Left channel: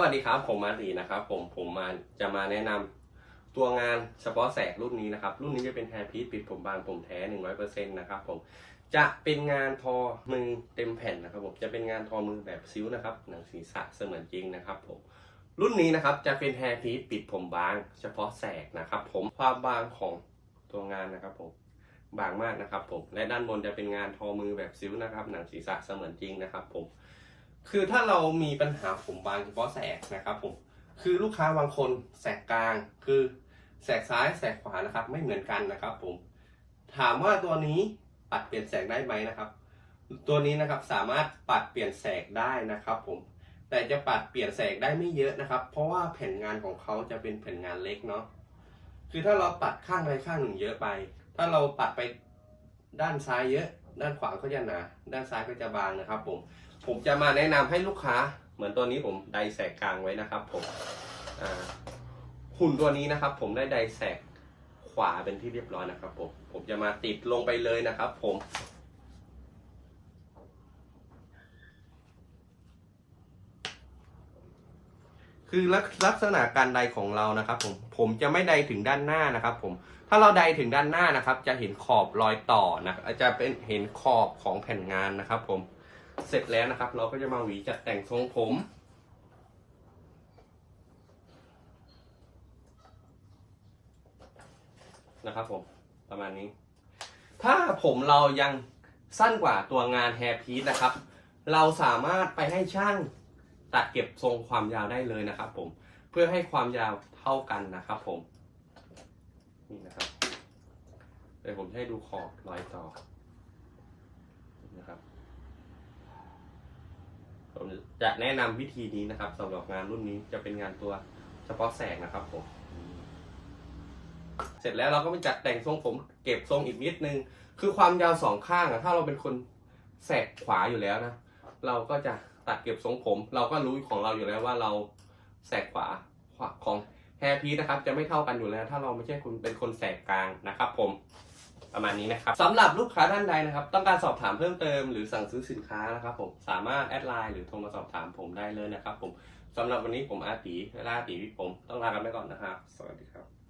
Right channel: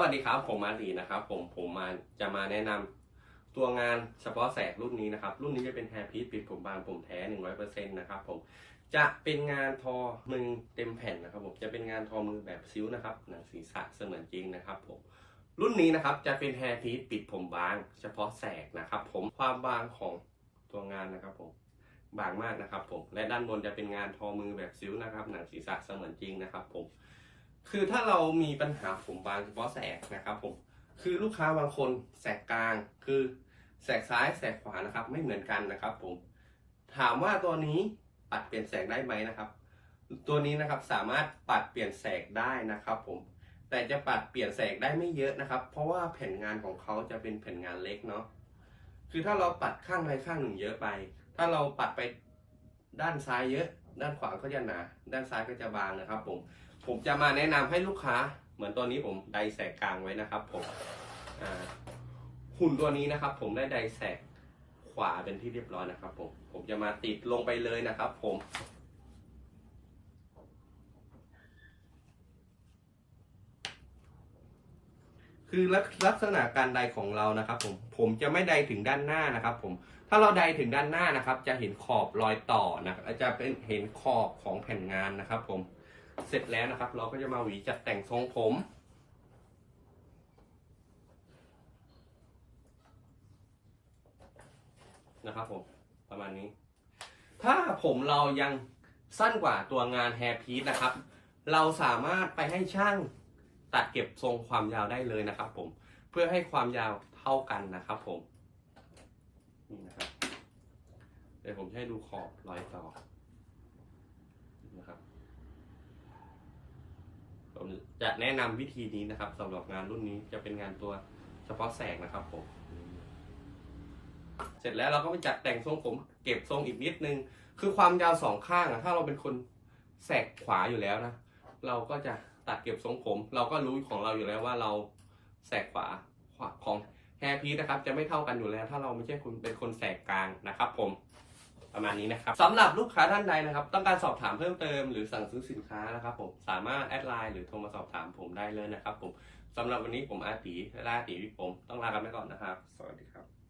วัสดีครับ ผมมารีนะครับ ผมผมมาจะมาแนะนำตัวงานเฉพาะแสกรุ่นนี้นะครับ รุ่นนี้จะเป็นแฮร์พีซปิดผมบางผมแท้100%นะครับผมจะเป็นงานทอมือเต็มแผ่นนะครับผมจะเป็นงานทอมือแบบซิ้วนะครับหนังศีรษะเสมือนจริงนะครับผมรุ่นนี้นะครับจะเป็นแฮร์พีซปิดผมบาง เฉพาะแสกนะครับ ผมความบางของตัวงานนะครับผมบางมากนะครับผมและด้านบนจะเป็นงานทอมือแบบซิ้วนะครับ หนังศีรษะเสมือนจริงนะครับผม คือถ้าเรามีปัญหาผมบางเฉพาะแสกนะครับผมคือลูกค้าบางคนแสกกลางคือแสกซ้ายแสกขวานะครับ ไม่เหมือนกันนะครับผมถามว่าตัวนี้ปัดเปลี่ยนแสกได้ไหมนะครับ ตัวนี้นะครับสามารถปัดเปลี่ยนแสกได้นะครับผมแต่จะปัดเปลี่ยนแสกได้ไม่เยอะนะครับ เพราะว่าแผ่นงานของเขาจะเป็นแผ่นงานเล็กเนาะคือถ้าเราปัดข้างใดข้างหนึ่งเยอะไป ถ้าเราปัดไปด้านซ้ายเยอะ ด้านขวาก็จะหนาด้านซ้ายก็จะบางนะครับ ผม ผมจะมาแนะนำให้ลูกค้า เหมือนตัวนี้ผมไดแสกกลางไว้นะครับ ผมหุ่นตัวนี้นะครับ ผมได้ไดแสกขวาเป็นที่เรียบร้อยนะครับ ผมผมจะมาติดลงไปเลยนะครับ ผม คือลักลักษณะการไดของเรานะครับผมผมจะไม่ไดถึงด้านหน้านะครับผมถ้าเราไดถึงด้านหน้านะครับ จะเห็นขอบรอยต่อนะจะเป็นเห็นขอบของแผ่นงานนะครับ ผมเสร็จแล้วนะครับ เราก็จะมาหวีจัดแต่งทรงผมนะครับผมประมาณนี้ ถ้าผมเรายังสั้นกว่าตัวงานแฮร์พีซนะครับ เราสามารถไปให้ช่าง ตัดเก็บทรงความยาวได้เลยนะครับ ผมเพื่อให้ความยาวเท่ากันนะครับ ผมนี่นะครับเดี๋ยวผมให้ดูขอบรอยต่อนะครับ ผมจะแนะนำวิธีนี้นะครับสำหรับงานรุ่นนี้จะเป็นงานตัวเฉพาะแสกนะครับผมเสร็จแล้วเราก็ไปจัดแต่งทรงผมเก็บทรงอีกนิดนึง คือความยาวสองข้างอะถ้าเราเป็นคนแสกขวาอยู่แล้วนะ เราก็จะตัดเก็บทรงผม เราก็รู้ของเราอยู่แล้วว่าเราแสกขวาขวาของแฮร์พีนะครับจะไม่เท่ากันอยู่แล้ว ถ้าเราไม่ใช่คุณเป็นคนแสกกลางนะครับ ผมประมาณนี้นะครับสำหรับลูกค้าท่านใดนะครับ ต้องการสอบถามเพิ่มเติมหรือสั่งซื้อสินค้านะครับผมสามารถแอดไลน์หรือโทรมาสอบถามผมได้เลยนะครับ ผมสำหรับวันนี้ผมอาตีและอาตีพี่ผมต้องลากันไปก่อนนะครับ สวัสดีครับ